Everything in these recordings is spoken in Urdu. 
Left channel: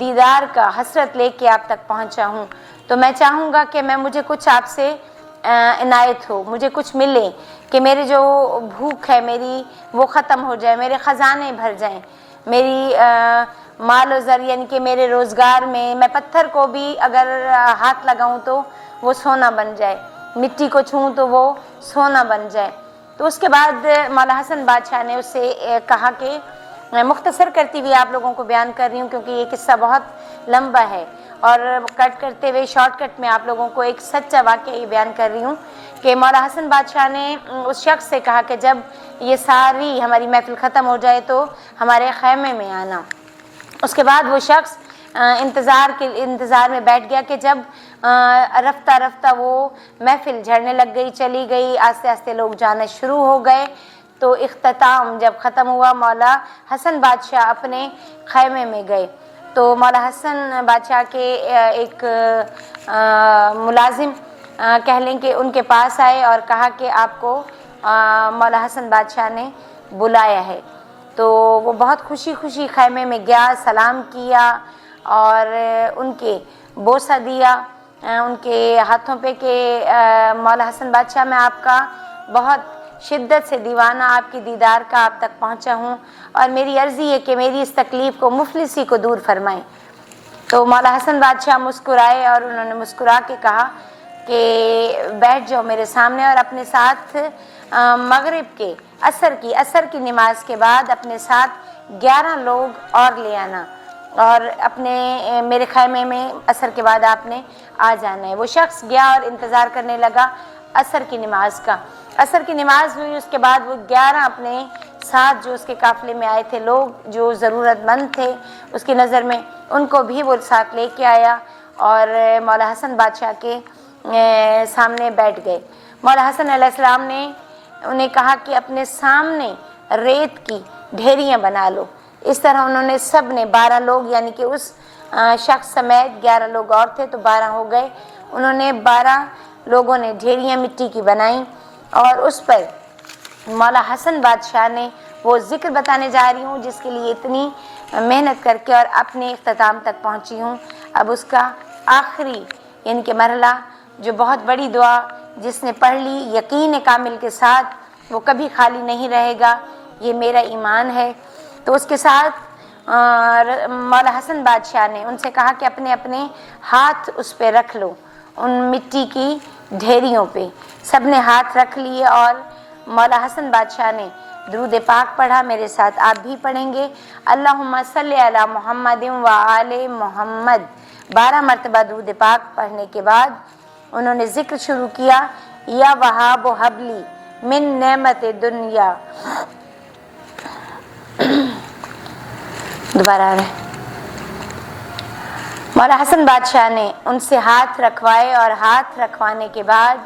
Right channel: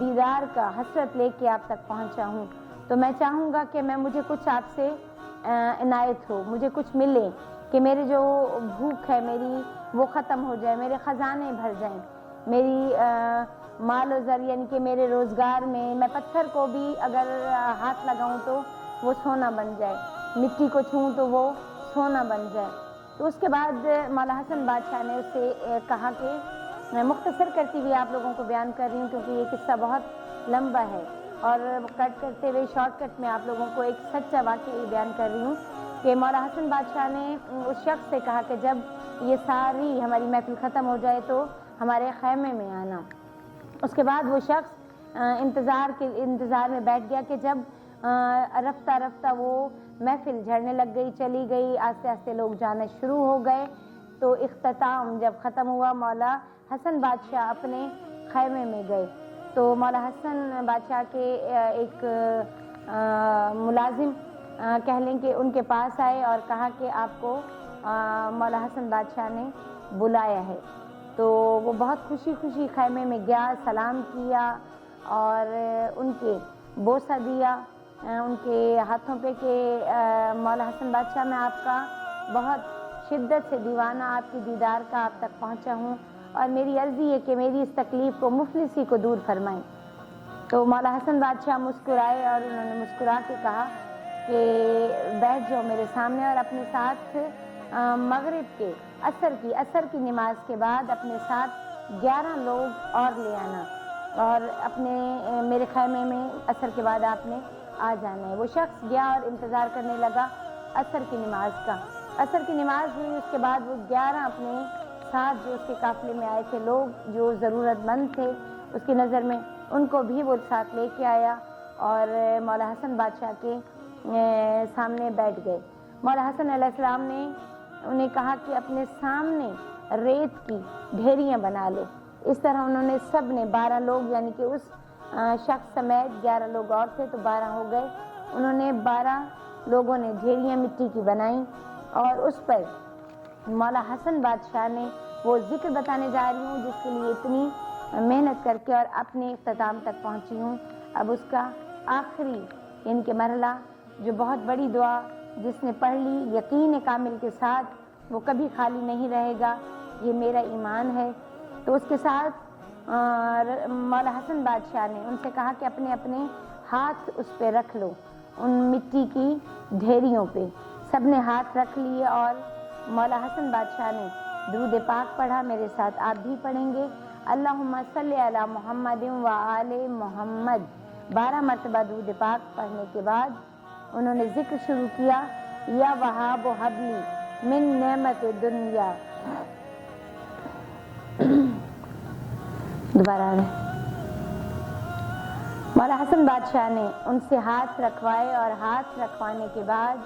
دیدار کا حسرت لے کے آپ تک پہنچا ہوں، تو میں چاہوں گا کہ مجھے کچھ آپ سے عنایت ہو، مجھے کچھ ملے، کہ میری جو بھوک ہے میری وہ ختم ہو جائے، میرے خزانے بھر جائیں، میری مال و زر یعنی کہ میرے روزگار میں پتھر کو بھی اگر ہاتھ لگاؤں تو وہ سونا بن جائے، مٹی کو چھوں تو وہ سونا بن جائے۔ تو اس کے بعد مولا حسن بادشاہ نے اس سے کہا کہ میں مختصر کرتی ہوئی آپ لوگوں کو بیان کر رہی ہوں کیونکہ یہ قصہ بہت لمبا ہے، اور کٹ کرتے ہوئے شارٹ کٹ میں آپ لوگوں کو ایک سچا واقعہ یہ بیان کر رہی ہوں کہ مولا حسن بادشاہ نے اس شخص سے کہا کہ جب یہ ساری ہماری محفل ختم ہو جائے تو ہمارے خیمے میں آنا۔ اس کے بعد وہ شخص انتظار میں بیٹھ گیا کہ جب رفتہ رفتہ وہ محفل جھڑنے لگ گئی، چلی گئی، آہستہ آہستہ لوگ جانا شروع ہو گئے، تو اختتام جب ختم ہوا مولا حسن بادشاہ اپنے خیمے میں گئے، تو مولا حسن بادشاہ کے ایک ملازم کہہ لیں کہ ان کے پاس آئے اور کہا کہ آپ کو مولا حسن بادشاہ نے بلایا ہے۔ تو وہ بہت خوشی خوشی خیمے میں گیا، سلام کیا اور ان کے بوسہ دیا ان کے ہاتھوں پہ کہ مولا حسن بادشاہ میں آپ کا بہت شدت سے دیوانہ، آپ کی دیدار کا آپ تک پہنچا ہوں، اور میری عرضی ہے کہ میری اس تکلیف کو، مفلسی کو دور فرمائیں۔ تو مولا حسن بادشاہ مسکرائے اور انہوں نے مسکرا کے کہا کہ بیٹھ جاؤ میرے سامنے، اور اپنے ساتھ مغرب کے عصر کی نماز کے بعد اپنے ساتھ 11 لوگ اور لے آنا، اور اپنے میرے خیمے میں عصر کے بعد آپ نے آ جانا ہے۔ وہ شخص گیا اور انتظار کرنے لگا عصر کی نماز کا۔ عصر کی نماز ہوئی، اس کے بعد وہ 11 اپنے ساتھ جو اس کے قافلے میں آئے تھے لوگ، جو ضرورت مند تھے اس کی نظر میں، ان کو بھی وہ ساتھ لے کے آیا اور مولا حسن بادشاہ کے سامنے بیٹھ گئے۔ مولا حسن علیہ السلام نے انہیں کہا کہ اپنے سامنے ریت کی ڈھیریاں بنا لو۔ اس طرح انہوں نے سب نے 12 لوگ، یعنی کہ اس شخص سمیت 11 لوگ اور تھے تو 12 ہو گئے، انہوں نے 12 لوگوں نے ڈھیریاں مٹی کی بنائیں، اور اس پر مولا حسن بادشاہ نے وہ ذکر بتانے جا رہی ہوں جس کے لیے اتنی محنت کر کے اور اپنے اختتام تک پہنچی ہوں۔ اب اس کا آخری یعنی کہ مرحلہ، جو بہت بڑی دعا جس نے پڑھ لی یقین کامل کے ساتھ وہ کبھی خالی نہیں رہے گا، یہ میرا ایمان ہے۔ تو اس کے ساتھ مولا حسن بادشاہ نے ان سے کہا کہ اپنے اپنے ہاتھ اس پہ رکھ لو، ان مٹی کی ڈھیریوں پہ۔ سب نے ہاتھ رکھ لیے اور مولا حسن بادشاہ نے درود پاک پڑھا، میرے ساتھ آپ بھی پڑھیں گے۔ اللہم صلی علی محمد و آل محمد۔ 12 مرتبہ درود پاک پڑھنے کے بعد انہوں نے ذکر شروع کیا، یا وہاب حبلی من نعمت دنیا۔ دوبارہ آ رہے مولا حسن بادشاہ نے ان سے ہاتھ رکھوائے اور ہاتھ رکھوانے کے بعد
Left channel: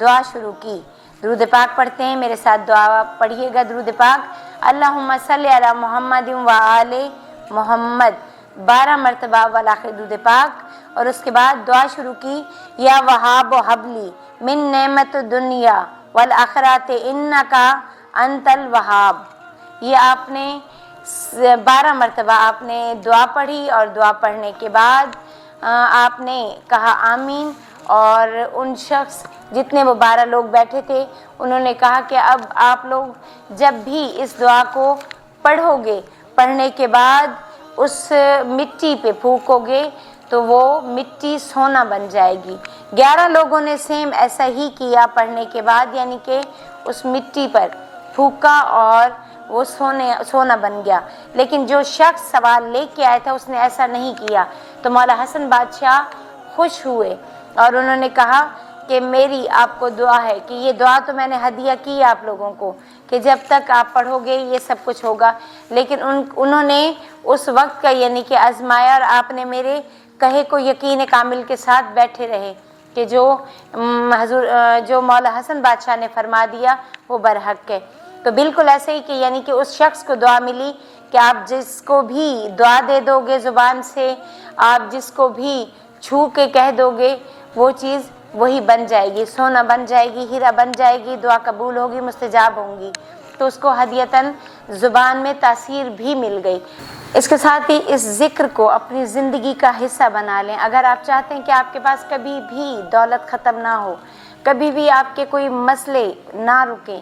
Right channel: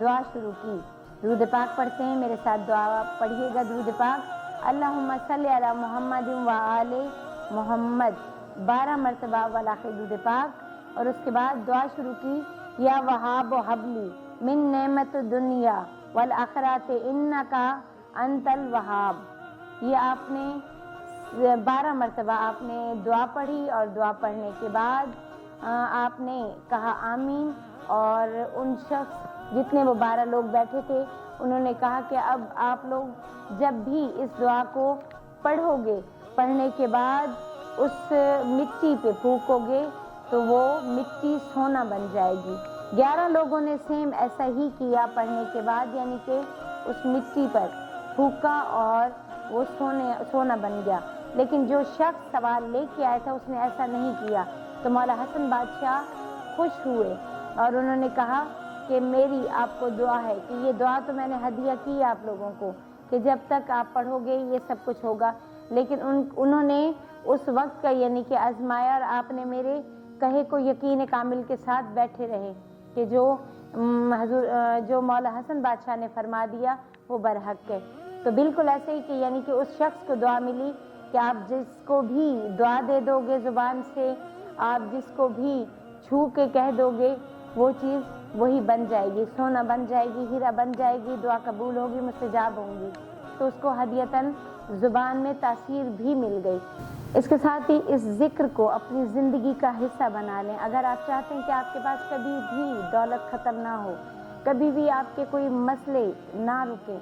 دعا شروع کی۔ درود پاک پڑھتے ہیں، میرے ساتھ دعا پڑھیے گا درود پاک۔ اللہم صلی علی محمد و آل محمد، 12 مرتبہ والآخر درود پاک، اور اس کے بعد دعا شروع کی، یا وہاب حبلی من نعمت دنیا والآخرات انکا انت الوہاب۔ یہ آپ نے 12 مرتبہ آپ نے دعا پڑھی، اور دعا پڑھنے کے بعد آپ نے کہا آمین، اور ان شخص جتنے وہ 12 لوگ بیٹھے تھے انہوں نے کہا کہ اب آپ لوگ جب بھی اس دعا کو پڑھو گے، پڑھنے کے بعد اس مٹی پہ پھونکو گے تو وہ مٹی سونا بن جائے گی۔ 11 لوگوں نے سیم ایسا ہی کیا پڑھنے کے بعد، یعنی کہ اس مٹی پر پھونکا اور وہ سونا بن گیا۔ لیکن جو شخص سوال لے کے آیا تھا اس نے ایسا نہیں کیا، تو مولا حسن بادشاہ خوش ہوئے اور انہوں نے کہا کہ میری آپ کو دعا ہے کہ یہ دعا تو میں نے ہدیہ کی آپ لوگوں کو کہ جب تک آپ پڑھو گے یہ سب کچھ ہوگا، لیکن انہوں نے اس وقت کا یعنی کہ آزمایا، اور آپ نے میرے کہے کو یقین کامل کے ساتھ بیٹھے رہے کہ جو مولا حسن بادشاہ نے فرما دیا وہ برحق ہے۔ تو بالکل ایسے ہی کہ یعنی کہ اس شخص کو دعا ملی کہ آپ جس کو بھی دعا دے دو گے زبان سے، آپ جس کو بھی چھو کے کہہ دو گے وہ چیز وہی بن جائے گی، سونا بن جائے گی، ہیرا بن جائے گی، دعا قبول ہوگی، مستجاب ہوں گی۔ تو اس کو ہدیتاً زبان میں تاثیر بھی مل گئی۔ اس کے ساتھ ہی اس ذکر کو اپنی زندگی کا حصہ بنا لیں۔ اگر آپ چاہتے ہیں کہ آپ کے پاس کبھی بھی دولت ختم نہ ہو، کبھی بھی آپ کے کوئی مسئلے نہ رکیں،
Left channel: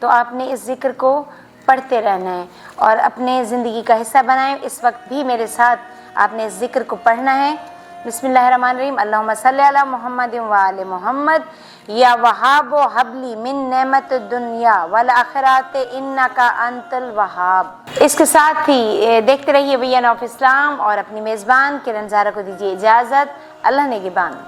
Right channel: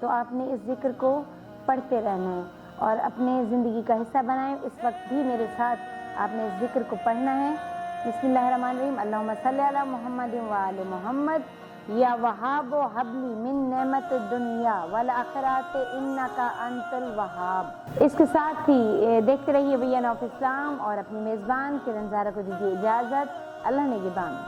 تو آپ نے اس ذکر کو پڑھتے رہنا ہے اور اپنے زندگی کا حصہ بنائیں۔ اس وقت بھی میرے ساتھ آپ نے اس ذکر کو پڑھنا ہے۔ بسم اللہ الرحمن الرحیم، اللہم صلی علی محمد وآل محمد، یا وہاب حبلی من نعمت الدنیا والآخرات انک انت الوہاب۔ اس کے ساتھ ہی دیکھتے رہیے وی این آف اسلام اور اپنی میزبان کرن زہرا کو دیجیے اجازت۔ اللہ نگہبان۔